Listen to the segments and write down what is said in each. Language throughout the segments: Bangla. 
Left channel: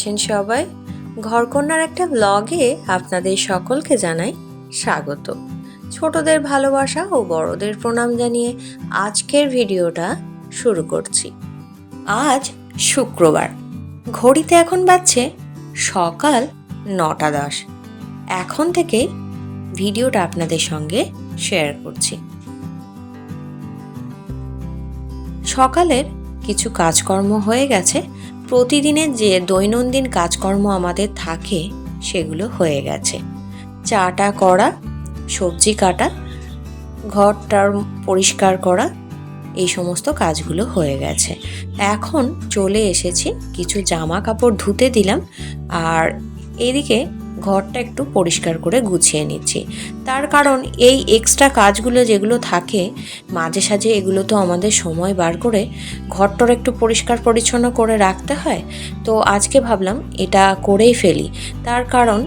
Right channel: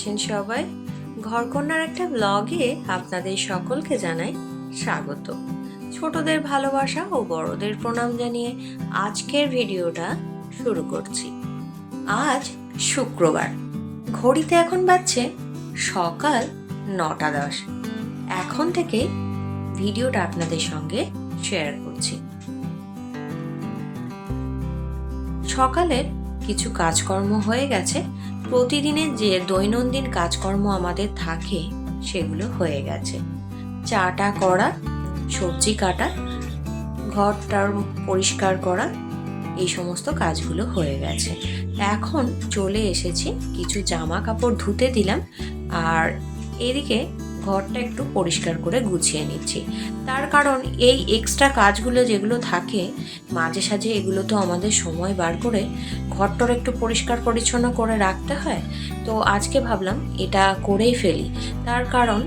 আছেন সবাই। ঘরকন্যার একটা ব্লগে আপনাদের সকলকে জানাই স্বাগত। ছোটদের ভালোবাসা ও বড়দের প্রণাম জানিয়ে আজকের ভিডিওটা শুরু করছি। আজ শুক্রবার। ঘড়িতে এখন বাজছে সকাল নটা দশ। এখন থেকে ভিডিওটা আপনাদের সঙ্গে শেয়ার করছি। সকালের কিছু কাজকর্ম হয়ে গেছে। প্রতিদিনের যে দৈনন্দিন কাজকর্ম আমাদের থাকে, সেগুলো হয়ে গেছে। চাটা করা, সবজি কাটা, ঘরটার পরিষ্কার করা, এই সমস্ত কাজগুলো হয়ে গেছে। এখন চলে এসেছি, কিছু জামা কাপড় ধুতে দিলাম, আর এদিকে ঘরটা একটু পরিষ্কার করে গুছিয়ে নিচ্ছি। তার কারণ এই এক্সট্রা কাজগুলো যেগুলো থাকে, মাঝে সাঝে এগুলো তো আমাদের সময় বার করে ঘরটার একটু পরিষ্কার পরিচ্ছন্ন করে রাখতে হয়। তো আজকে ভাবলাম এটা করেই ফেলি। তার কারণ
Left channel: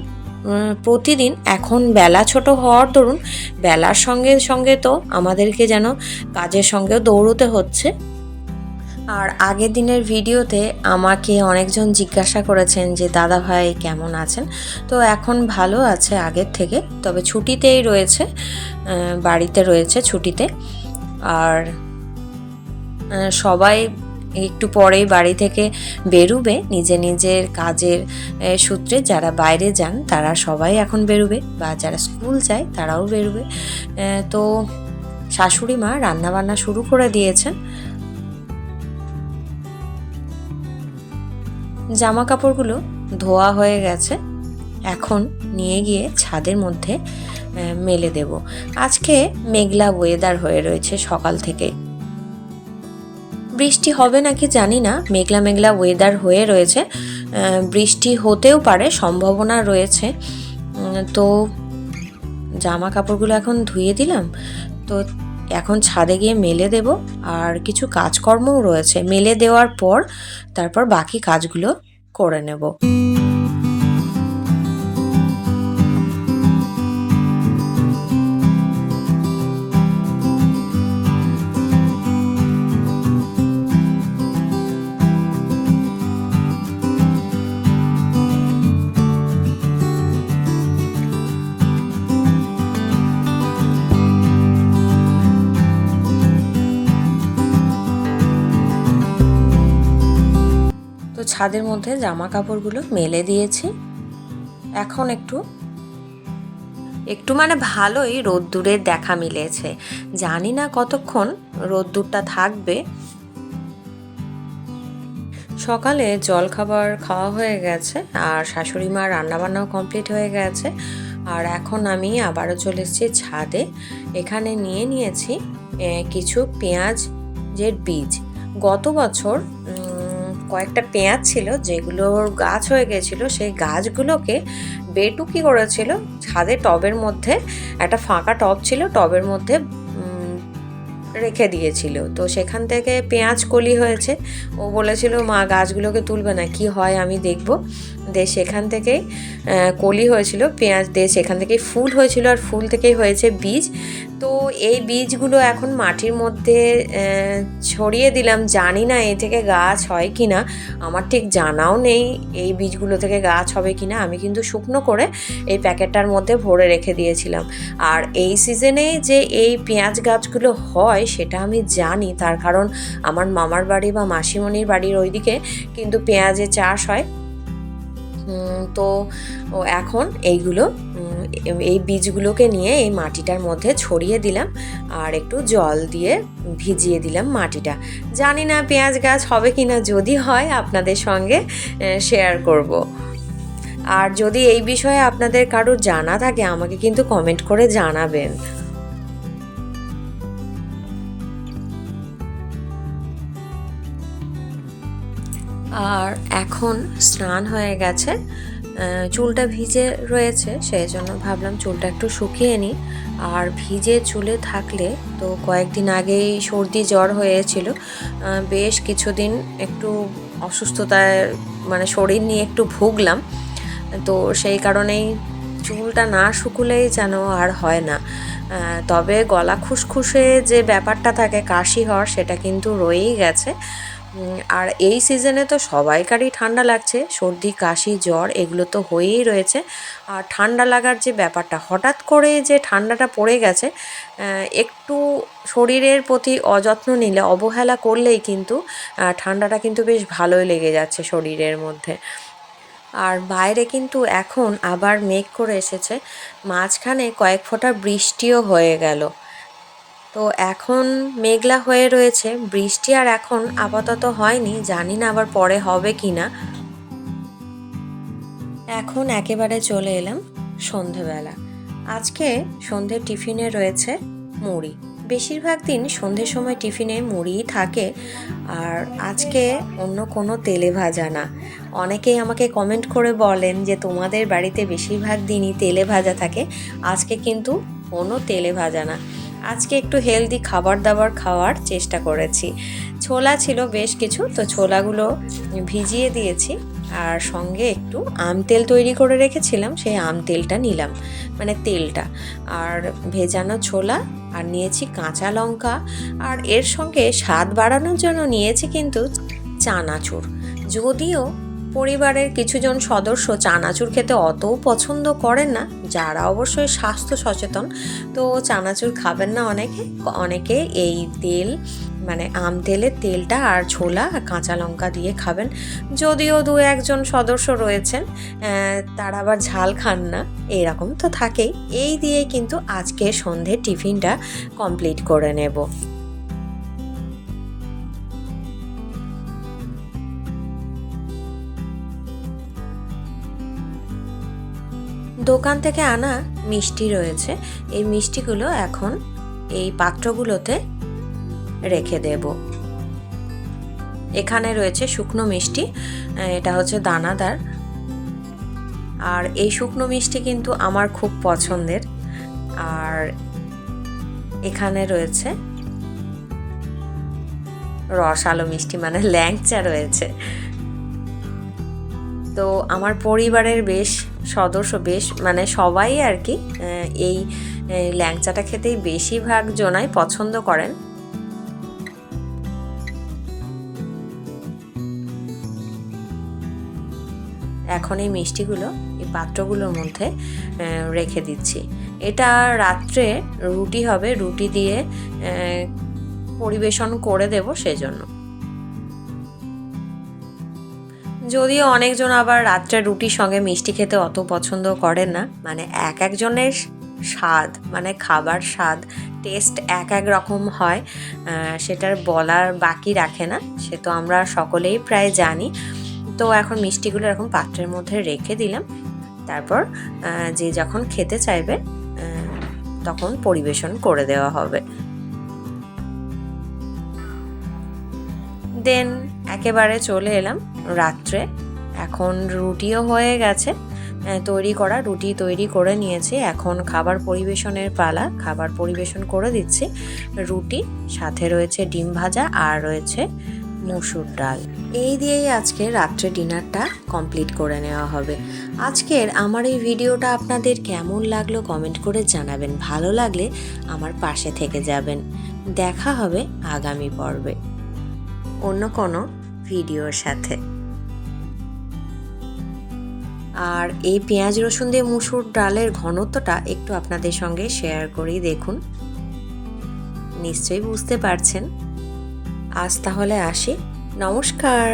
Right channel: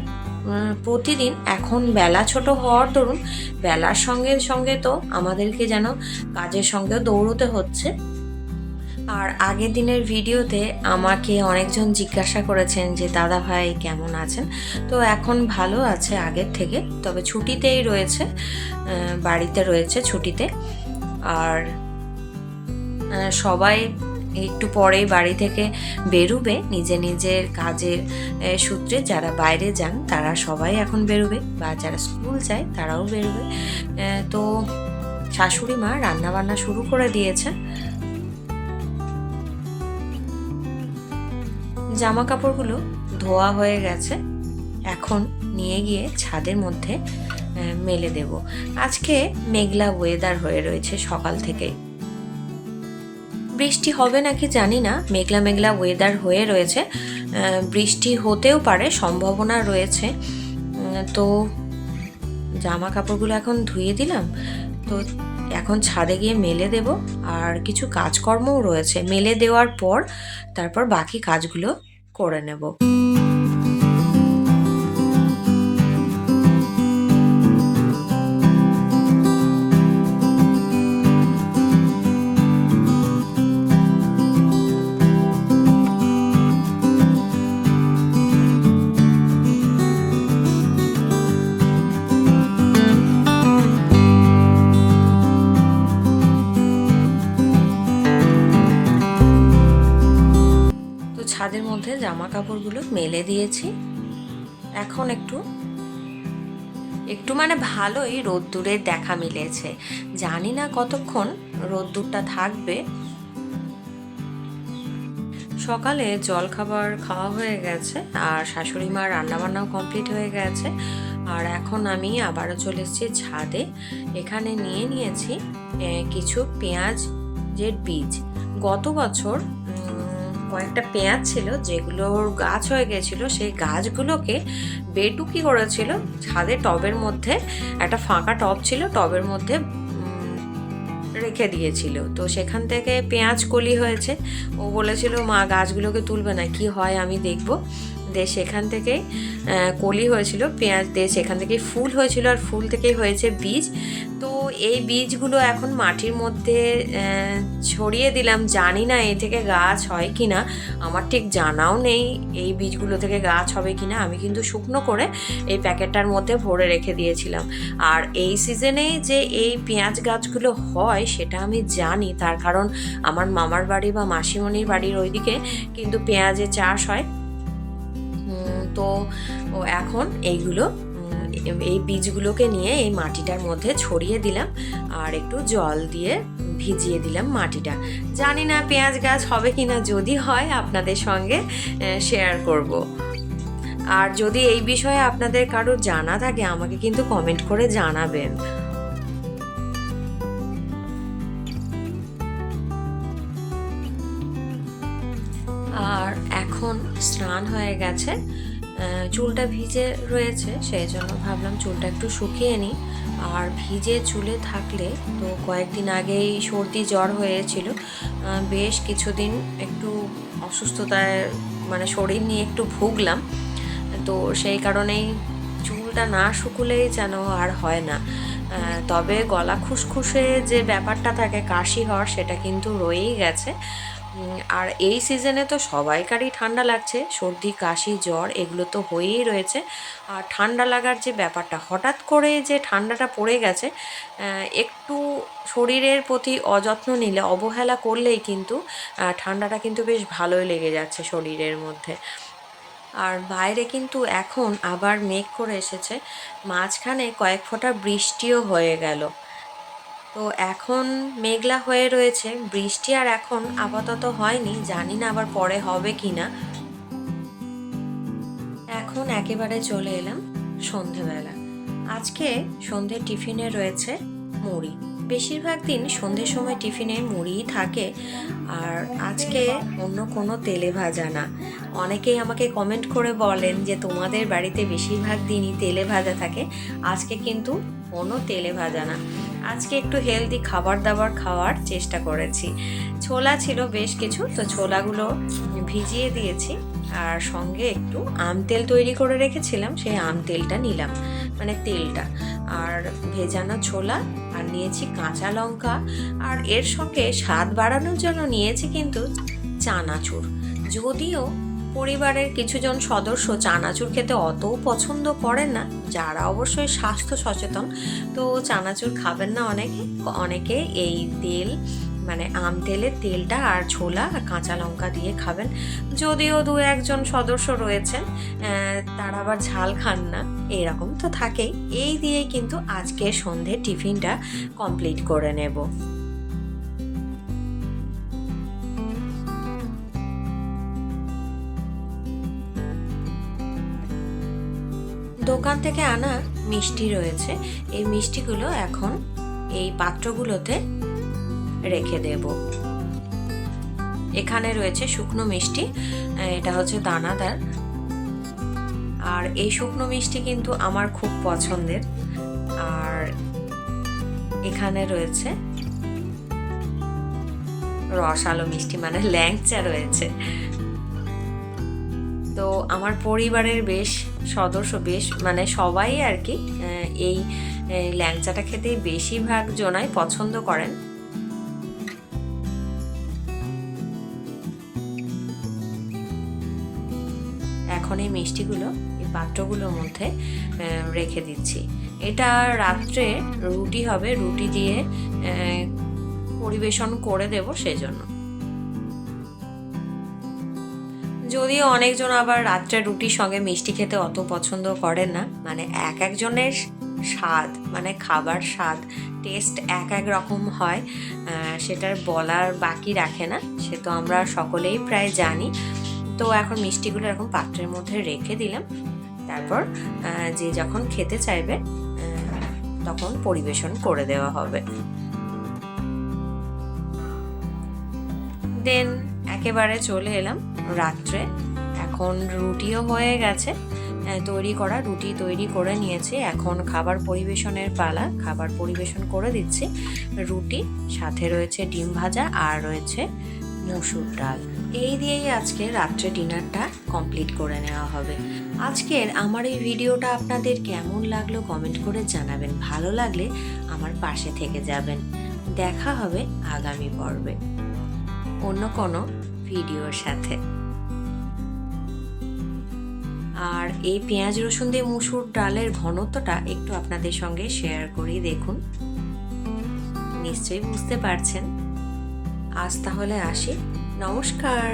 প্রতিদিন এখন বেলা ছোট হওয়ার দরুন, বেলার সঙ্গে সঙ্গে তো আমাদেরকে যেন কাজের সঙ্গেও দৌড়তে হচ্ছে। আর আগের দিনের ভিডিওতে আমাকে অনেকজন জিজ্ঞাসা করেছেন যে, দাদা ভাই, কেমন আছেন? তো এখন ভালো আছে আগের থেকে, তবে ছুটিতেই রয়েছে বাড়িতে রয়েছে ছুটিতে। আর সবাই একটু পরেই বাড়ি থেকে বেরুবে, নিজে নিজের কাজের সূত্রে যারা বাইরে যান, তারা সবাই এখন বেরোবে, বা যারা স্কুল যায়, তারাও বেরোবে। তো শাশুড়ি মা রান্নাবান্না শুরু করে দিয়েছেন। জামা কাপড়গুলো ধোয়া হয়ে গেছে। এখন নিয়ে গিয়ে ছাদের মধ্যে মেলে দেব। আজকে মেঘলা ওয়েদার হয়ে রয়েছে সকাল থেকে। বৃষ্টি হবে নাকি জানি না, মেঘলা মেঘলা ওয়েদার হয়ে রয়েছে। বৃষ্টি হতেও পারে, সম্ভাবনা রয়েছে। তো জামা কাপড়গুলো এখন ধুয়ে দিলাম। তো এখন ছাদে গিয়ে মেলে দেব আর কিছু কাজকর্মও রয়েছে। মেলে দেওয়ার পর তারপর বাকি কাজগুলো করে নেব। ছাদের মধ্যে জামা কাপড়গুলো মেলে দিয়েছি। এখন একটু একটু মানে ভালোই রোদ্দুরের দেখা মিলেছে। জানি না কতক্ষণ রোদ্দুরটা থাকবে। সকালে জল খাবার খাওয়া হয়ে গেছে, আর শাশুড়ি মার রান্নাবান্নাও কমপ্লিট হয়ে গেছে। আর এখন আমি আবারও চলে এসেছি ছাদে। এখানে নিয়ে নিয়েছি কিছু পেঁয়াজের বীজ। গত বছর কয়েকটা পেঁয়াজ ছিল, যেগুলোর গাছ হয়ে গেছিল, সেই গাছগুলোকে বেটুকি করেছিল, ছাদে টবের মধ্যে, একটা ফাঁকা টব ছিল, টবের মধ্যে রেখে দিয়েছিল। তো সেখান থেকে পেঁয়াজ কলি হয়েছে। ও বলেছিল, মা, গাছগুলোকে তুলবে না, কি হয় আমি দেখব। দিয়ে সেখান থেকেই কলি হয়েছিল, পেঁয়াজ দিয়ে সেখান থেকেই, ফুল হয়েছিল আর ফুল থেকেই হয়েছে বীজ। তো এই বীজগুলো এখন মাটির মধ্যে ছড়িয়ে দিলাম। জানি না এ থেকে গাছ হয় কি না আমার ঠিক জানাও নেই এই বীজগুলো থেকে গাছ হবে কি না আমি কিন্তু শুকনো করে এই প্যাকেটটার মধ্যে ভরে রেখে দিয়েছিলাম। আর এই সিজনে যে এই পেঁয়াজ গাছগুলো হয়, সেটা আমি জানি। তার কারণ আমার মামার বাড়ি বা মাসিমণির বাড়ির ওইদিকে কিন্তু পেঁয়াজের চাষ হয়। তো এখন এইগুলো এই বীজগুলোকে নিয়ে এই মাটিটার মধ্যে ছড়িয়ে দিলাম আর একটু জল দিয়ে ভিজিয়ে দিলাম মাটিটা। জানি না পেঁয়াজ গাছ হবে কি না যদি হয় আপনাদের সঙ্গে শেয়ার করব। আর যদি এই বিষয়ে আপনাদের কারোর জানা থাকে, আমাকে কিন্তু কমেন্ট করে জানাবেন। এখন স্নান হয়ে গেছে চুলটা ভিজে রয়েছে সেই জন্য ভাবলাম চুলটা একটু শুকিয়ে নিই। আর ভিজে চুলে থাকলে তো কয়েকদিন আগেই সর্দি জ্বর হয়েছিল বেশ কিছুদিন একটু অসুস্থতায় মানে শরীর নিয়ে একটু ভুগলাম। তো সেই কারণেই চুলটা না শুকুলেই যেন আর হয় না। তবে গলা খুসখুসে যে ব্যাপারটা থাকে, কাশি হওয়ার, সেটা কিন্তু রয়েই গেছে। আর এই সিজনে তো সবাইকারই ঠান্ডা লাগছে। সর্দি, কাশি, জ্বর, এগুলো তো হয়েই রয়েছে। আর ঠান্ডা লাগার যে ব্যাপারটা, হঠাৎ করে যে ঠান্ডাটা পড়ে গেছে একটু শরীরের প্রতি অযত্ন নিলে, অবহেলা করলেই কিন্তু ঠান্ডাটা কিন্তু বেশ ভালোই লেগে যাচ্ছে শরীরের মধ্যে। আর বাইরে কিন্তু এখন আবার মেঘ করে এসেছে। মাঝখানে কয়েক ফোঁটা বৃষ্টিও হয়ে গেল। তো এখন মেঘলা হয়ে রয়েছে, বৃষ্টি আর এখন আপাতত হয়নি, জানি না আবার পরে হবে কি না এখন একেবারে চলে এলাম সন্ধেবেলা। আজকে সন্ধে টিফিনে রয়েছে মুড়ি। বেশিরভাগ দিন সন্ধ্যের সময় টিফিনে মুড়িই থাকে, আর আজকে অন্য কোনো তেলে ভাজা না। অনেকেই আমাকে কমেন্ট করে বলেন যে, তোমাদের বাড়িতে বেশিরভাগ দিনই তেলে ভাজা থাকে, আজকে কিন্তু কোনো তেলে ভাজা না। আজকে একটু হেলদি খাবার দাবার খাওয়ার চেষ্টা করেছি। ছোলা ছিল বেশ কিছু, তো ছোলাগুলো ভিজিয়ে দিয়েছি আর সঙ্গে একটু আম তেল তৈরি করে রেখেছিলাম, সেই আম তেলটা নিলাম মানে তেলটা। আর ভেজানো ছোলা আর নিয়েছি কাঁচা লঙ্কা আর এর সঙ্গে স্বাদ বাড়ানোর জন্য নিয়েছি কিন্তু চানাচুর। যদিও পরিবারের কিছুজন সদস্য চানাচুর খেতে অতও পছন্দ করেন না, যারা অবশ্যই স্বাস্থ্য সচেতন। তো চানাচুর খাবেন না অনেকে অনেকে এই তেল মানে আম তেলের তেলটা আর ছোলা আর কাঁচা লঙ্কা দিয়ে খাবেন। যদিও দু একজন সদস্য রয়েছেন তারা আবার ঝাল খান না, এরকম তো থাকেই। এই দিয়ে কিন্তু আজকে সন্ধে টিফিনটা কমপ্লিট করে নেব। দোকান থেকে আনা মিষ্টি রয়েছে। এই মিষ্টিগুলো এখন এই পাত্রগুলোতে রেখে দেব। এখানে রয়েছে শুকনো মিষ্টি, এটা হচ্ছে দানাদার। আর এই শুকনো মিষ্টি কিন্তু আমার খুব পছন্দের। আর এখানে রয়েছে রসালো মিষ্টি মানে ল্যাংচা রয়েছে। তো আমার পরিবারের বেশ সদস্য, বেশ মানে সবাই আর কি এই ল্যাংচাটা খেতেই বেশিরভাগ জনাই পছন্দ করেন। এখন এই মিষ্টিগুলো, এই পাত্রগুলোর মধ্যে রেখে দিচ্ছি। এটা রাত্রে রুটি হবে, রুটি দিয়ে পরিবেশন করে দেব সেজন্য। যদিও অনেকজন আবার রাত্রে রুটির সঙ্গে মিষ্টি খেতে অত পছন্দ করে না মানে এক একজনের স্বাদ মানে খাবার স্বাদ টেস্ট এক এক রকম হয় সেটার বলার বাকি রাখে না, সে তো আমরা সকলেই প্রায় জানি। তো এখন মিষ্টিগুলো এরকম পাত্রের মধ্যে রেখে দিলাম, তারপর যে যখন খেতে চাইবে তখন পরিবেশন করে দেওয়া হবে। দেন একেবারে চলে এলাম। রাত্রে। এখন রুটিও হয়ে গেছে। তৈরি করা রুটি তৈরি করে নিয়েছি। এখন খাবার পরিবেশনের পালা, খাবার পরিবেশন করে দিচ্ছি। রুটি, সাথে রয়েছে ডিম ভাজা আর রয়েছে মসুর ডাল। এই দিয়েই আজকে রাত্রে ডিনারটা কমপ্লিট করে নেওয়া হবে। আজকের আমার এই ভিডিওটা আপনাদের কেমন লাগল কমেন্ট করে জানাবেন। ভালো লাগলে আমার পাশে থেকে যাবেন। দেখা হবে আগামী পর্বে। অন্য কোনো ভিডিওর সাথে। আর এই পেঁয়াজ রসুন দিয়ে মুসুর ডালের ঘনত্বটা একটু আপনাদের সঙ্গে শেয়ার করেই দেখুন। নিশ্চয়ই বুঝতে পারছেন। আজ তাহলে আসি। নমস্কার।